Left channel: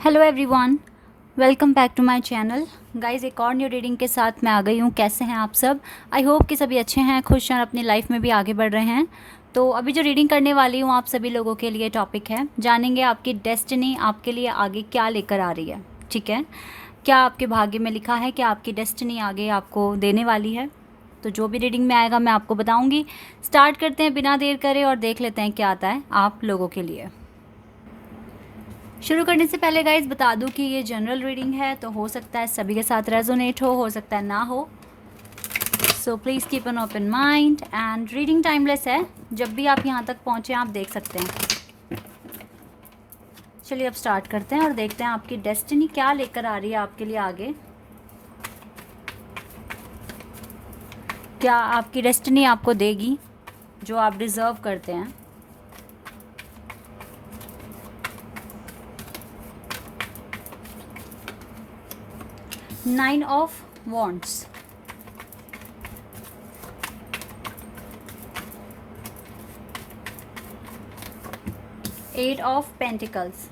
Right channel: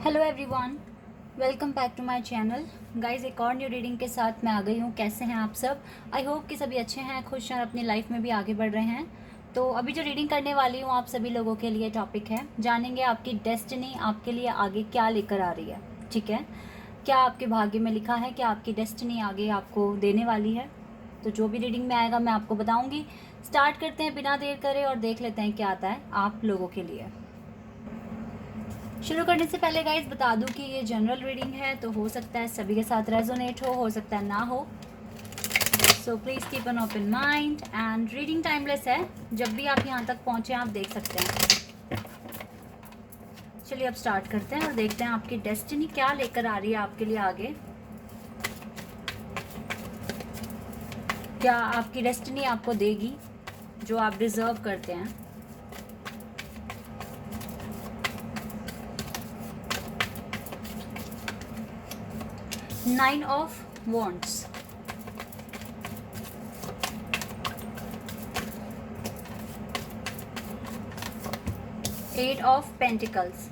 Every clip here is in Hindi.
Hello everyone, welcome back to my channel. Guys, एक और न्यू रीडिंग के साथ मैं आ गई हूँ। कैसे हैं आप सब? आई होप कि सभी अच्छे हैं, खुश हैं और अपनी लाइफ में भी आगे बढ़ रहे हैं। तो अभी जो रीडिंग करने वाली हूँ आप सभी लोगों के लिए टॉपिक है, जानेंगे आपकी डेस्टिनी आपके लिए आगे क्या लेकर आ रही है। ठीक है, क्या आपके भाग्य में लिखा है, क्या आपकी डेस्टिनी आगे आपको देने वाली है। तो जो भी रीडिंग में आएगा मैं आपको बताऊँगी। स्टार्ट करते हैं बिना देर करे और देख लेते हैं क्या आता है आप लोगों के लिए। शुरू करने से पहले गाइज बता दूं कि ये जनरल रीडिंग है, तो हो सकता है सभी के साथ रेजोनेट हो सकता है ना हो। So please keep an open mind and reading timeless है, जब भी आप यहाँ तक पहुँचे आप देख सकते हैं। चलिए अब स्टार्ट करते हैं और देखते हैं आपकी डेस्टिनी क्या लेकर आ रही है आपके लिए आगे। क्या आपकी डेस्टिनी आपको देगी जो आप डिज़र्व करते हैं। Nine of wands, eight of pentacles.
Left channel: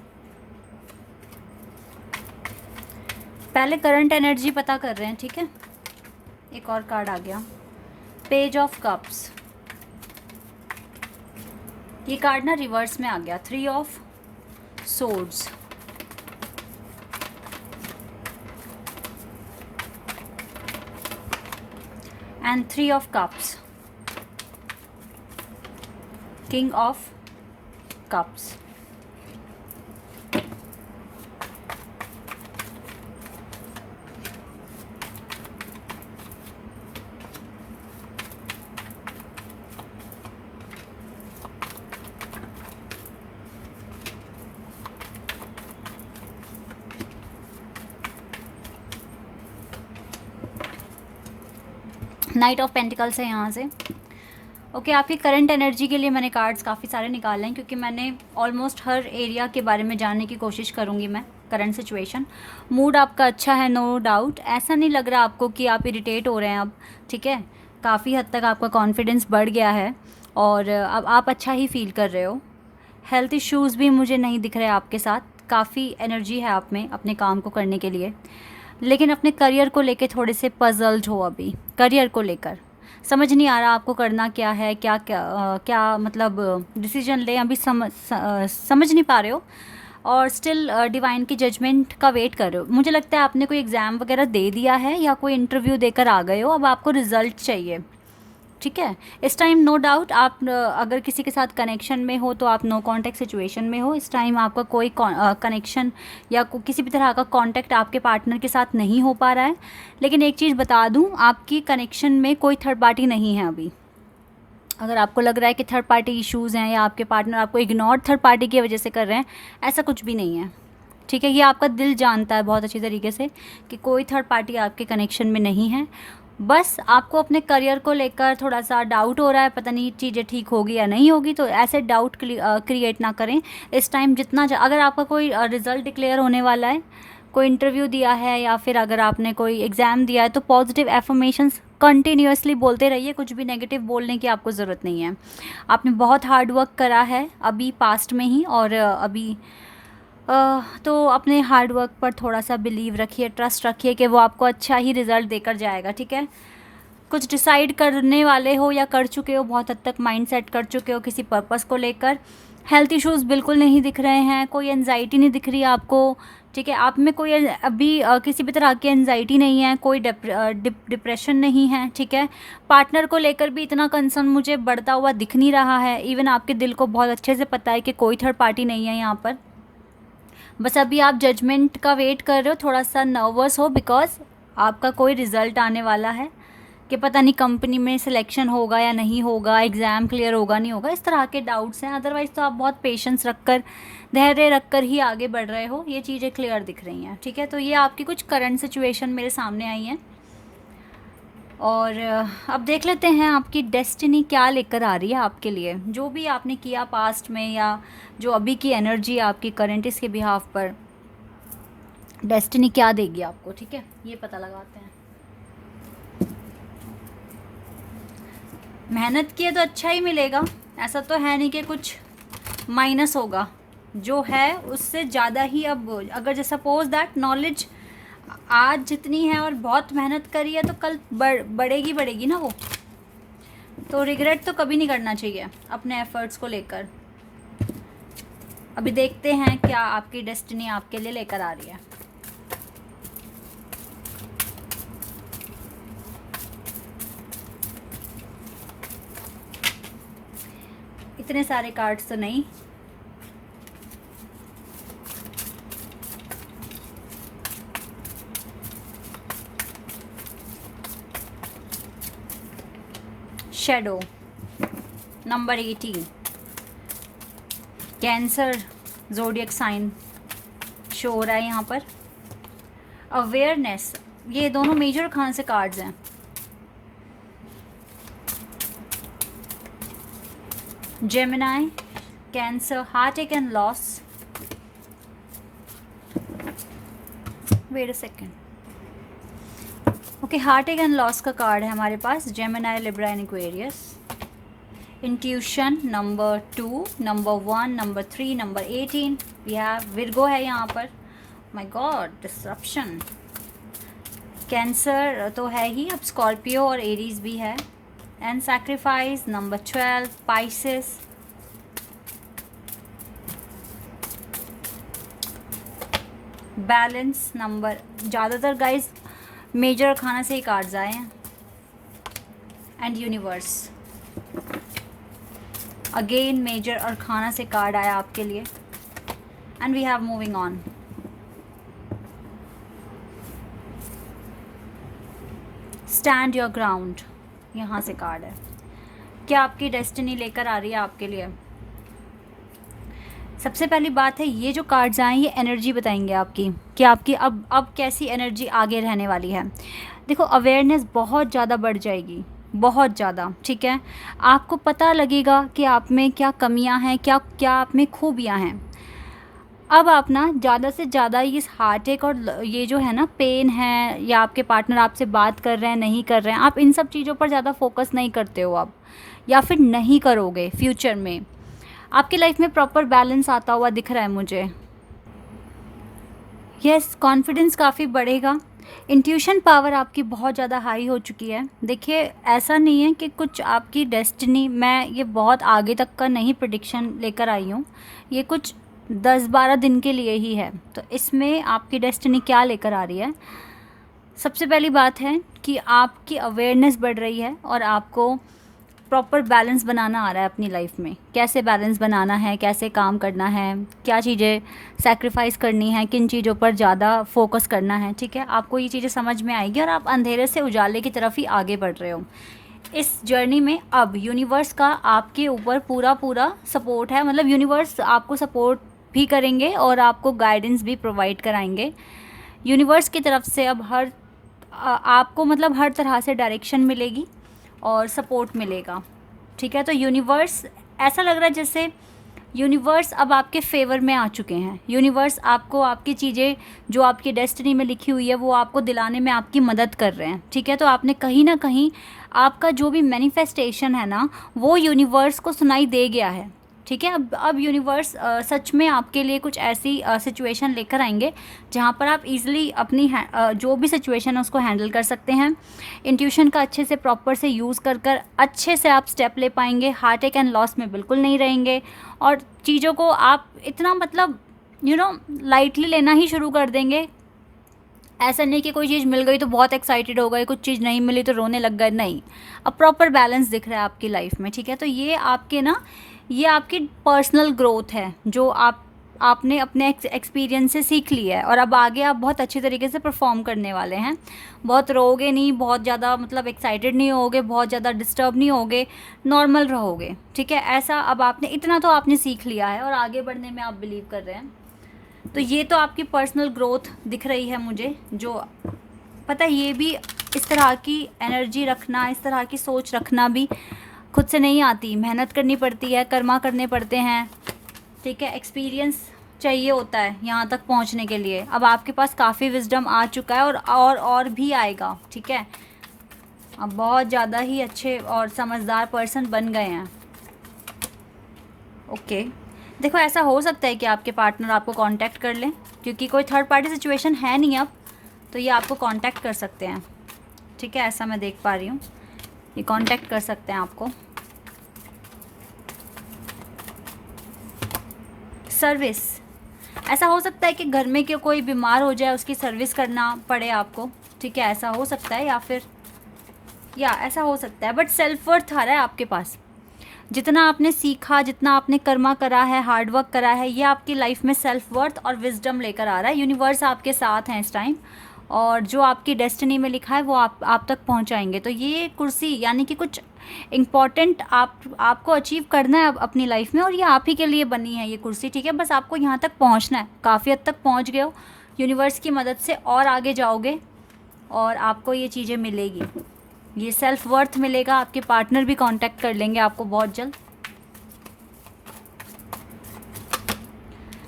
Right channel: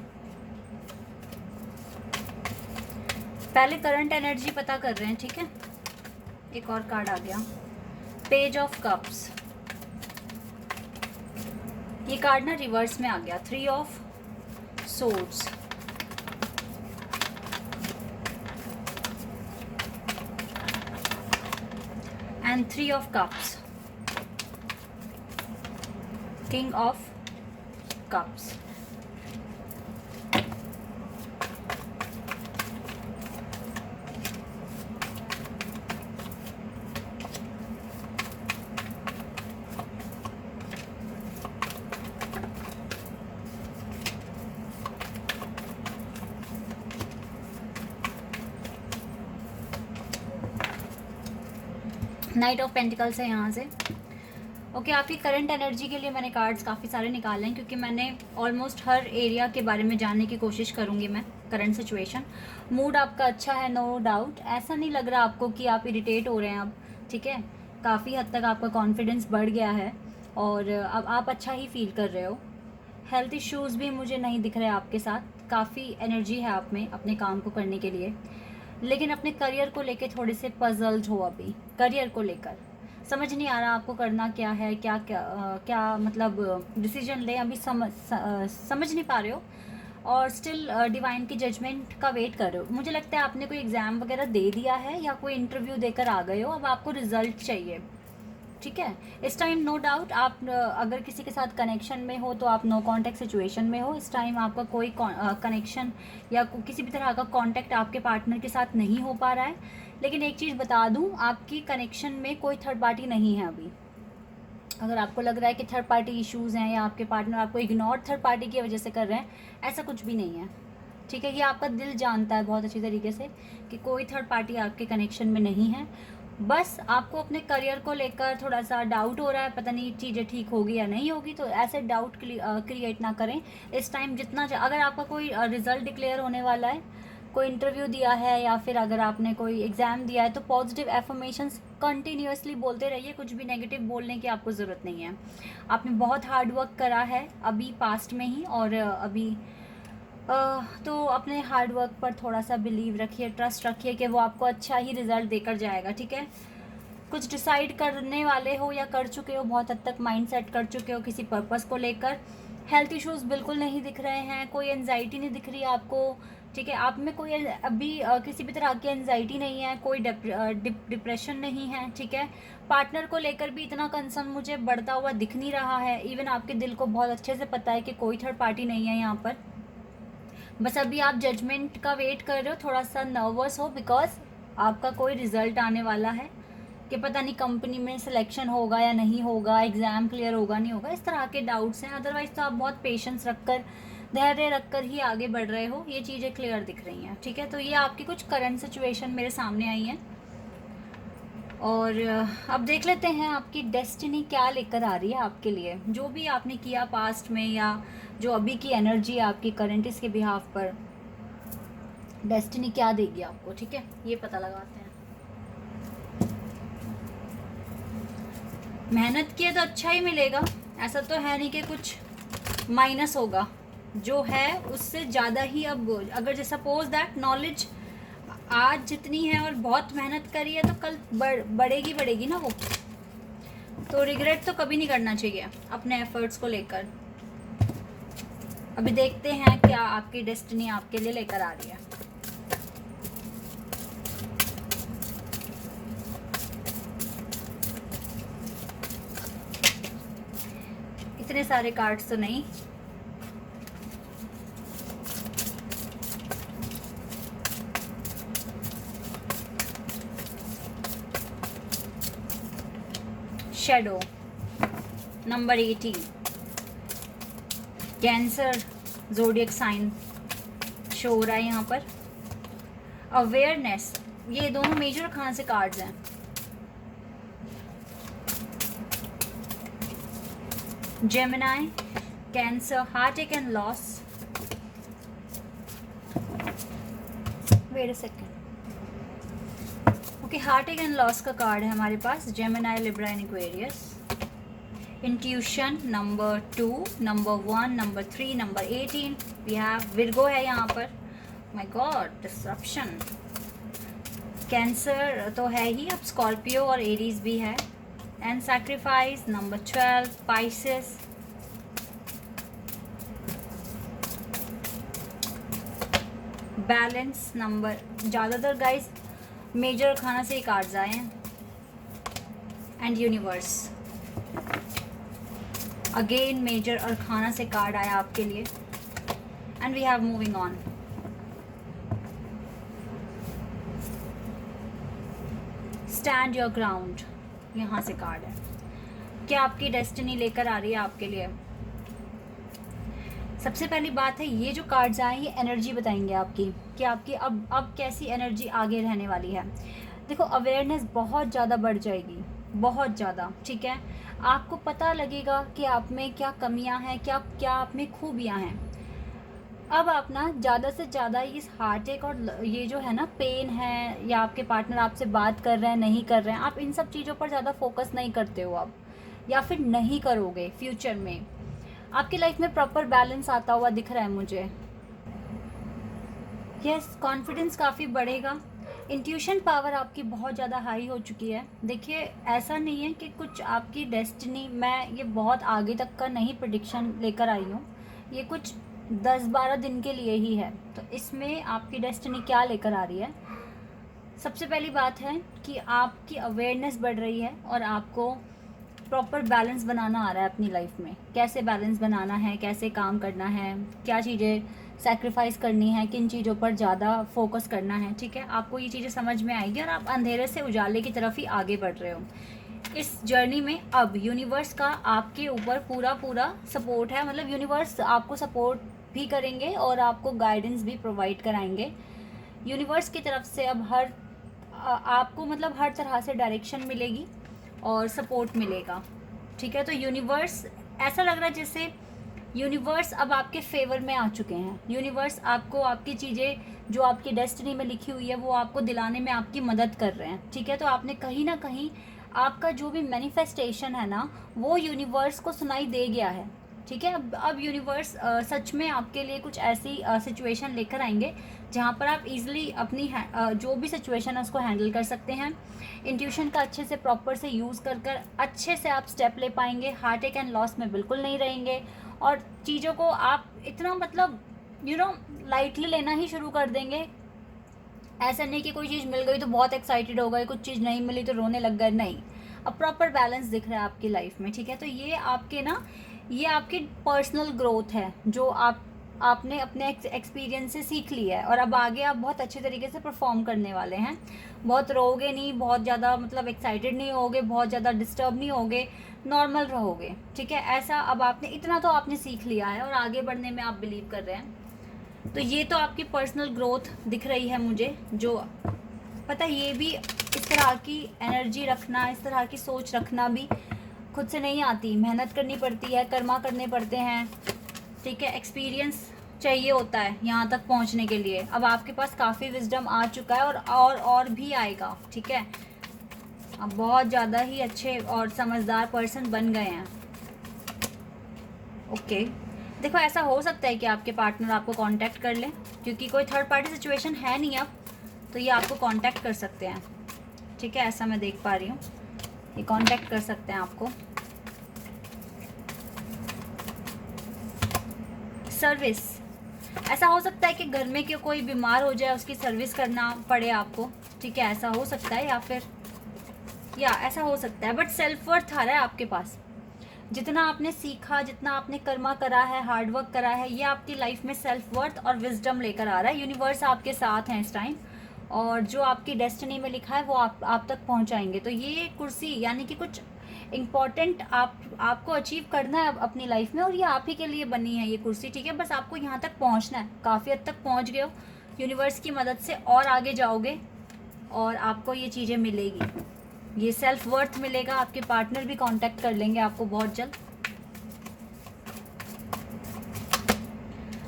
पहले करंट एनर्जी पता कर रहे हैं, ठीक है। एक और कार्ड आ गया, पेज ऑफ कप्स। ये कार्ड ना रिवर्स में आ गया, three of swords. And three of cups, king of cups. Night of pentacles है यहाँ से। ओके, आपकी करंट एनर्जी के लिए मैंने कार्ड्स काफ़ी सारे निकाले हैं, क्योंकि मैंने ऑलमोस्ट हर एरिया के बारे में जानने की कोशिश करूँगी मैं। करंट सिचुएशन, मूड आपका अच्छा है, नो डाउट। ऐसा नहीं लग रहा आपको कि आप इरिटेट हो रहे हैं अब, ठीक है। काफ़ी हद तक आपका कॉन्फिडेंस बढ़ गया है और अब आप अच्छा ही फील कर रहे हो। हेल्थ इश्यूज़ भी मुझे नहीं दिख रहे आपके साथ, काफ़ी एनर्जी है आप में अपने काम को करने के लिए। लेकिन अपने करियर को लेके थोड़े से पजल्ड हो अभी। करियर को लेकर समझ नहीं आ रहा आपको करना क्या है, क्या मतलब डिसीजन लें, अभी समझ नहीं पा रहे हो। और स्टिल डिवाइन की जजमेंट का वेट कर रहे हो। मुझे लगता है आपने कोई एग्ज़ाम वगैरह दे दिया है या कोई इंटरव्यू देकर आ गए हो, अब आपको रिजल्ट चाहिए, ठीक है। इस टाइम नो डाउट आप अगर किसी के साथ कनेक्शन में हो तो आप नो कांटेक्ट सिचुएशन में हो। इस टाइम आपका कोई कनेक्शन या किसी भी तरह का कांटेक्ट आपके पार्टनर के साथ नहीं हो पा रहा है। लेकिन एक चीज़ बता दूं, आपकी कनेक्शन में कोई थर्ड पार्टी नहीं है अभी। अगर आपको लग रहा है कि थर्ड पार्टी इश्यूज़ हैं या आपके पार्टनर आपको इग्नोर थर्ड पार्टी की वजह से कर रहे हैं, ऐसा कुछ भी नहीं है, ठीक है। ये आपका दिल जानता है बहुत अच्छी तरीके से कि कोई थर्ड पार्टी आपके कनेक्शन में नहीं है। बस आपको अपने करियर को लेकर थोड़ा सा डाउट हो रहा है, पता नहीं चीज़ें ठीक होगी या नहीं होगी। तो ऐसे डाउट क्रिएट ना करें इस टाइम। अगर आपका कोई रिज़ल्ट डिक्लेयर होने वाला है, कोई इंटरव्यू दिया है या फिर अगर आपने कोई एग्ज़ाम दिया है, तो पॉजिटिव एफर्मेशंस कंटिन्यूअसली बोलते रहिए। कुछ भी नेगेटिव बोलने की आपको ज़रूरत नहीं है। आपने बहुत हार्ड वर्क करा है अभी पास्ट में ही, और अभी तो अपने हार्ड वर्क पर थोड़ा सा बिलीव रखिए, ट्रस्ट रखिए कि वो आपको अच्छा ही रिज़ल्ट देकर जाएगा, ठीक है। कुछ डिसाइड करने वाले हो या कर चुके हो, बहुत हद तक माइंड सेट कर चुके हो किसी पर्पस को लेकर। हेल्थ इश्यूज़ बिल्कुल नहीं दिख रहे हैं, कोई एनजाइटी नहीं दिख रही आपको, ठीक है। आप में कोई अभी किसी भी तरह की एनजाइटी नहीं है, कोई डिप्रेशन नहीं है, ठीक है। पार्टनर को लेकर भी इतना कंसर्न मुझे बढ़ता हुआ दिख नहीं रहा है। इवन आपके दिल को बहुत अच्छे से पता है कि कोई थर्ड पार्टी नहीं है यहाँ पर। बस अभी आप जजमेंट का वेट कर रहे हो, थोड़ा सा नर्वस हो बिकॉज आपका कोई रिज़ल्ट आने वाला है कि पता नहीं कंपनी में सिलेक्शन होगा या नहीं होगा, एग्ज़ाम क्लियर होगा नहीं होगा, इस तरह के डाउट्स हैं। अदरवाइज़ तो आप बहुत पेशेंस रखकर, धैर्य रखकर ही आगे बढ़ रहे हो। ये चीज़ें क्लियर दिख रही हैं, ठीक है। तो ये आपकी कुछ करंट सिचुएशन मेरे सामने आई हैं और अब देख लेते हैं आपकी डेस्टिनी क्या लेकर आ रही है आपके लिए। जो भी आपने किया पास्ट में या जो अभी की एनर्जी आपकी करंट, इसके बिहाफ पर डेस्टिनी क्या देगी आपको, ठीक है। ये पता लगाते हैं। मेहनत किए तो अच्छा ही मिलेगा, ऐसा तो है नहीं कि कुछ माइनस होगा, जो है उससे ज़्यादा ही अब, अगर सपोज दैट नॉलेज आज जितनी है और बहुत मेहनत करी है तो कल बढ़ेगी ना वो। तो रिग्रेट तो कभी नहीं करना चाहिए अपने एफर्ट्स को लेकर। अभी देखते हैं क्या आपकी डेस्टिनी आपके लिए लेकर आ रही है। इतने सारे कार्ड्स तो नहीं, shadow number 18, cancer zodiac sign show हो रहा है यहाँ पर। अवेयरनेस, ये दोनों मेजर खान से कार्ड्स हैं। Gemini, Cancer, heartache and loss. Wait a second. Okay, heartache and loss का कार्ड है हमारे पास। Gemini, Libra and Aquarius. Intuition number 2, number 1, number 3, number 18। We have Virgo है यहाँ पर। My God, disruption. कैंसर तो है ही, अब स्कॉर्पियो और एरीज भी है। And sacrifice number 12, Pisces. Balance number, ज़्यादातर गाइस मेजर खाना से ही कार्ड्स आए हैं। एंड यूनिवर्स, अगेन मेजर और खाना से कार्ड आया आपके लिए। And we have moving on. Stand your ground, यहाँ से कार्ड है। क्या आपकी डेस्टिनी लेकर आ रही है आपके लिए? सबसे पहली बात है, ये जो कार्ड्स आए ये एनर्जी बताएंगे आपकी कि आपकी अब कैसी एनर्जी आगे रहने वाली है। देखो, अवेयरनेस बहुत ज़्यादा बढ़ जाएगी, बहुत ज़्यादा, ठीक है। आपको पता लगेगा कि आप में क्या कमियां हैं, क्या क्या आप में खूबियां हैं। अब आप ना ज़्यादा से ज़्यादा इस हार्टएक और ये जो है ना पेन है, या आपके पार्टनर आपसे बात कर रहे हैं नहीं कर रहे हैं, आप इन सब चीज़ों पर ज़्यादा फोकस नहीं करते हो आप, या फिर नहीं करोगे फ्यूचर में। आपकी लाइफ में प्रॉपर बैलेंस आता हुआ दिख रहा है मुझे। यस, कॉन्फिडेंस काफ़ी बढ़ेगा। इंट्यूशन पावर आपकी बहुत ज़्यादा हाई हो चुकी है। देखिए, ऐसा नहीं है कि कुछ आपकी डेस्टिनी, मैं ये बहुत आगे तक का नहीं प्रेडिक्शन लेकर आई हूँ, ये कुछ 10-12 दिन के लिए ही है। तो इसमें आपकी डेस्टिनी क्या लेकर आ रही है? सबसे पहली बात है कि आपकी अवेयरनेस बढ़ रही है और आपको प्रॉपर बैलेंस बनाना आ रहा है अपनी लाइफ में। कैसे बैलेंस बनाना है, कैसे काम करना है, क्या चीज़ें सैक्रिफाइस करनी है, किन चीज़ों पर ज़्यादा फोकस करना है, ठीक है। आपको ये चीज़ें समझ में आएगी और आप अंधेरे से उजाले की तरफ ही आगे बढ़ रहे हो इस जर्नी में। अब यूनिवर्स का आपके ऊपर पूरा सपोर्ट है, मतलब यूनिवर्स आपको सपोर्ट भी करेंगे और आपको गाइडेंस भी प्रोवाइड कराएंगे। यूनिवर्स की तरफ से अब आपको मतलब हर तरह से डायरेक्शन मिलेगी और सपोर्ट मिलेगा, ठीक है। तो यूनिवर्स, ऐसा लग रहा है जैसे यूनिवर्स अब आपके फेवर में आ चुके हैं। यूनिवर्स आपको आपकी चीज़ें जो आपकी डेस्टिनी में लिखी हुई है वो आपको दिलाने में आपकी मदद कर रहे हैं, ठीक है। तो आपने कहीं ना कहीं आपका जो भी मैनिफेस्टेशन है ना, वो यूनिवर्स को सुनाई दे गया है, ठीक है। अब यूनिवर्स सच में आपके लिए कुछ ऐसी सिचुएशन लेकर आएंगे जहाँ पर आप इजीली अपनी जो भी सिचुएशन है उसको हैंडल कर सकते हैं। इंट्यूशन का अच्छे से प्रॉपर से यूज़ कर अच्छे से आप स्टेप ले पाएंगे। हार्टएक एंड लॉस में बिल्कुल नहीं रहेंगे और चीज़ों को आप इतना मतलब लाइटली लेना ही शुरू कर देंगे। ऐसा नहीं कि कोई चीज़ मिल गई तो बहुत एक्साइटेड हो गए, कुछ चीज़ नहीं मिली तो रोने लग गए, नहीं। अब प्रॉपर बैलेंस दिख रहा है आपकी लाइफ में, ठीक है। तो ये आपकी पर्सनल ग्रोथ है जो आपने अपने एक्सपीरियंस से सीख लिया है और अब आगे आप बहुत अच्छे तरीके से परफॉर्म करने वाले हैं। बहुत रोओगे नहीं, बहुत ज़्यादा मतलब एक्साइटेड नहीं होगे, बहुत ज़्यादा डिस्टर्ब नहीं होगे, नॉर्मल रहोगे, ठीक है। ऐसा अब आपने इतना तो आपने सीख लिया है और आगे बढ़ने में आप बिलीव कर रहे हैं। तो ये तो आपकी पर्सनल ग्रोथ दिख रही है मुझे। जो पता है, ये भी इस तरह की एनर्जी रखना, इस तरह की सोच रखना भी खुद से नहीं आती, मेहनत करनी पड़ती है, कर्मा करने पड़ते हैं, ठीक है। एक्सपीरियंस चाहिए होता है यहाँ तक पहुँचने के लिए। अब आपके पास काफ़ी विजडम आ चुका है और भी आएगा, ठीक है। अब बहुत ज़्यादा ही अच्छे और समझदार पर्सन बन गए हैं, ओके। देखो ऐसा हो सकता है कि आपके पार्टनर आपको कांटेक्ट कर लें, क्योंकि कोई थर्ड पार्टी सिचुएशन है नहीं अब, तो ये आपको कांटेक्ट कर सकते हैं। ठीक है, ऐसा मैं देख पा रही हूँ, ये कांटेक्ट कर सकते हैं आपको। सर्विस, ऐसा हो सकता है कि घर में कि कोई बीमार हो जाए, उसकी सर्विस करना पड़े आपको। ठीक है, ऐसा हो सकता है, या फिर ऐसा हो सकता है। बट सेल्फ वर्थ आ रहा है आपके पास। जितना आपने सीखा, जितना आपने कर्मा करा है, हार्ड वर्क करा है, ये आपकी लाइफ में सेल्फ वर्थ और विजडम लेकर आ रहा है। यूनिवर्स आपके साथ हैं इस टाइम, और जो आपकी डेस्टिनी में लिखा है वो आप तक पहुंचाएंगे। तो ये कुर्सी यानी कि कुछ इम्पॉर्टेंट आपको अचीव करना है अपनी लाइफ में, और ये आप ही के लिए बनी है ये कुर्सी। ठीक है, बस आपको यहाँ तक पहुँचना है। काफ़ी हद तक पहुँच गए हो, यूनिवर्स की मदद से और आगे जाओगे और आपको ये चीज़ें मिलेगी, ये सेल्फ वर्थ मिलेगा। आपके पार्टनर भी कांटेक्ट कर लेंगे आपको बहुत जल्द।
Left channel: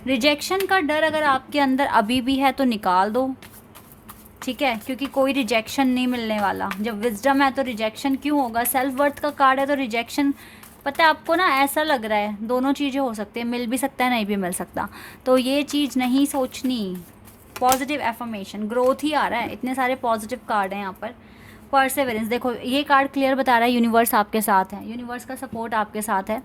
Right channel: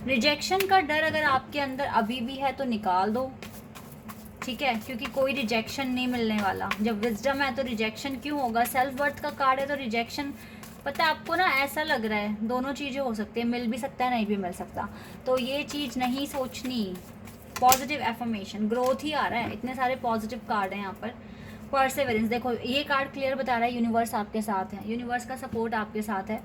रिजेक्शन का डर अगर आपके अंदर अभी भी है तो निकाल दो। ठीक है, क्योंकि कोई रिजेक्शन नहीं मिलने वाला। जब विजडम है तो रिजेक्शन क्यों होगा? सेल्फ वर्थ का कार्ड है तो रिजेक्शन, पता है आपको ना, ऐसा लग रहा है दोनों चीज़ें हो सकती है, मिल भी सकता है, नहीं भी मिल सकता। तो ये चीज़ नहीं सोचनी। पॉजिटिव एफर्मेशन, ग्रोथ ही आ रहा है। इतने सारे पॉजिटिव कार्ड हैं यहाँ पर। परसेवरेंस, देखो ये कार्ड क्लियर बता रहा है यूनिवर्स आपके साथ है, यूनिवर्स का सपोर्ट आपके साथ है।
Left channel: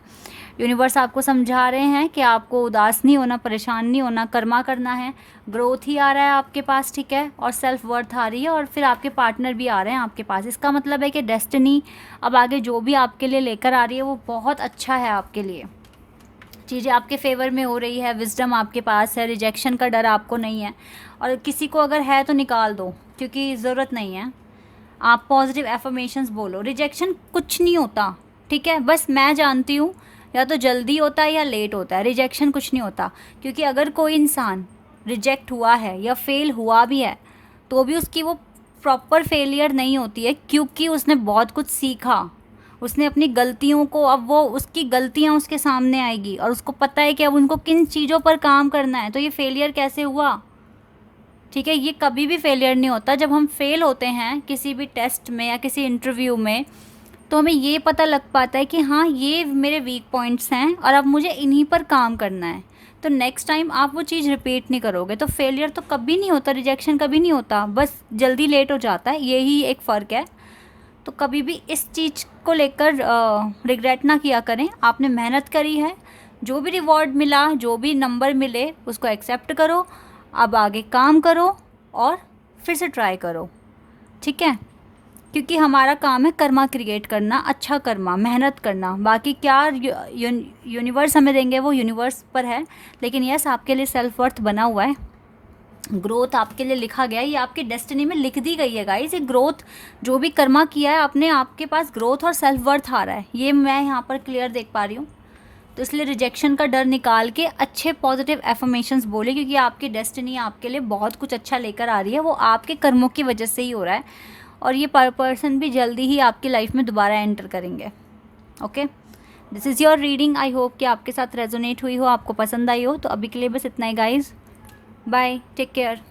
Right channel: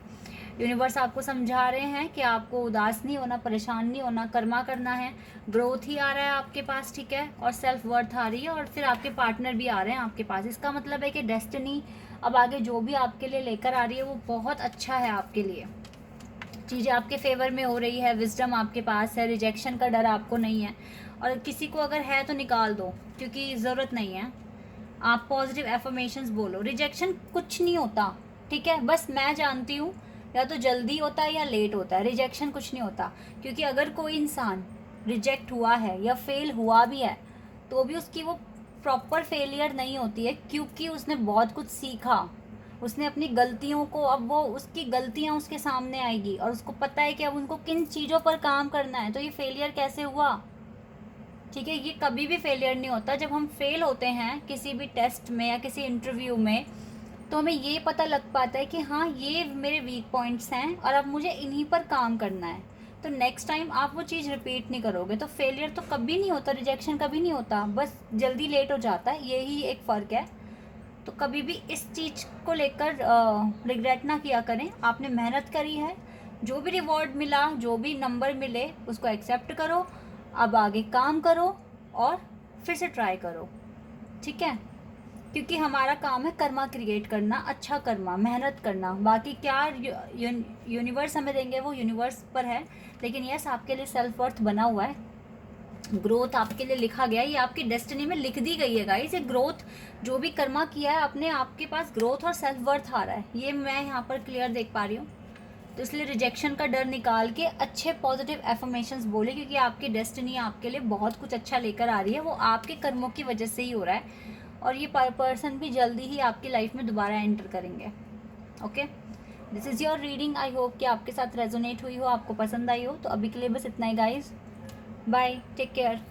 यूनिवर्स आपको समझा रहे हैं कि आपको उदास नहीं होना, परेशान नहीं होना, कर्मा करना है। ग्रोथ ही आ रहा है आपके पास। ठीक है, और सेल्फ वर्थ आ रही है, और फिर आपके पार्टनर भी आ रहे हैं आपके पास। इसका मतलब है कि डेस्टिनी अब आगे जो भी आपके लिए लेकर आ रही है वो बहुत अच्छा है आपके लिए। चीज़ें आपके फेवर में हो रही है, विजडम आपके पास है, रिजेक्शन का डर आपको नहीं है। और किसी को अगर है तो निकाल दो, क्योंकि ज़रूरत नहीं है। आप पॉजिटिव एफर्मेशंस बोलो। रिजेक्शन कुछ नहीं होता। ठीक है, बस मैं जानती हूँ या तो जल्दी होता है या लेट होता है। रिजेक्शन कुछ नहीं होता, क्योंकि अगर कोई इंसान रिजेक्ट हुआ है या फेल हुआ भी है तो भी उसकी वो प्रॉपर फेलियर नहीं होती है, क्योंकि उसने बहुत कुछ सीखा, उसने अपनी गलतियों को, अब वो उसकी गलतियाँ उसके सामने आएगी और उसको पता है कि अब उनको किन चीज़ों पर काम करना है। तो ये फेलियर कैसे हुआ? ठीक है, ये कभी भी फेलियर नहीं होता। जब हम फेल होते हैं किसी भी टेस्ट में या किसी इंटरव्यू में, तो हमें ये पता लग पाता है कि हाँ ये मेरे वीक पॉइंट्स हैं और अब मुझे इन्हीं पर काम करना है। तो नेक्स्ट टाइम आप वो चीज़ रिपीट नहीं करोगे। तो फेलियर तो कभी नहीं होता, रिजेक्शन कभी नहीं होता, बस जल्दी लेट हो जाता है, यही एक फ़र्क है। तो कभी भी इस चीज़ को लेकर रिग्रेट ना किया करें। आपने मेहनत करी है, जो भी रिवॉर्ड मिला, जो भी नंबर मिले उसको एक्सेप्ट करो, अब आगे काम करो और फिर से ट्राई करो। ठीक है, क्योंकि हमारा काम है कर्मा क्रिएट करना, अच्छा कर्मा, मेहनत करना। बाकी क्या यूनिवर्स हमें देंगे वो यूनिवर्स पर है। लेकिन यस, आपके लिए सेल्फ वर्थ बना हुआ है, ग्रोथ आपके लिए लिखा गया है, ये आपकी डेस्टिनी में लिख दी गई है गाइस। ये ग्रोथ जो भी कर्मा किया है आपने, आपके पास ग्रोथ और सेल्फ वर्थ आ रहा है, ये मैं यहाँ पर क्लियर देख पा रही हूँ। तो इसलिए रिजेक्शन का डर निकाल के अच्छे पॉजिटिव एफर्मेशंस बोले, क्योंकि आपकी डेस्टिनी आपके लिए बहुत कुछ अच्छा लेकर आ रही है। वो आपके कर्मों की वजह से ही हो रहा है, और ये पर्सन भी जल्दी ही आपकी लाइफ में दोबारा एंटर करेंगे। Okay, this is your reading. I hope कि आपके साथ रेजोनेट हुई हो, आपको पसंद आई हो। तो अभी के लिए बस इतना ही गाइज, बाय, टेक केयर।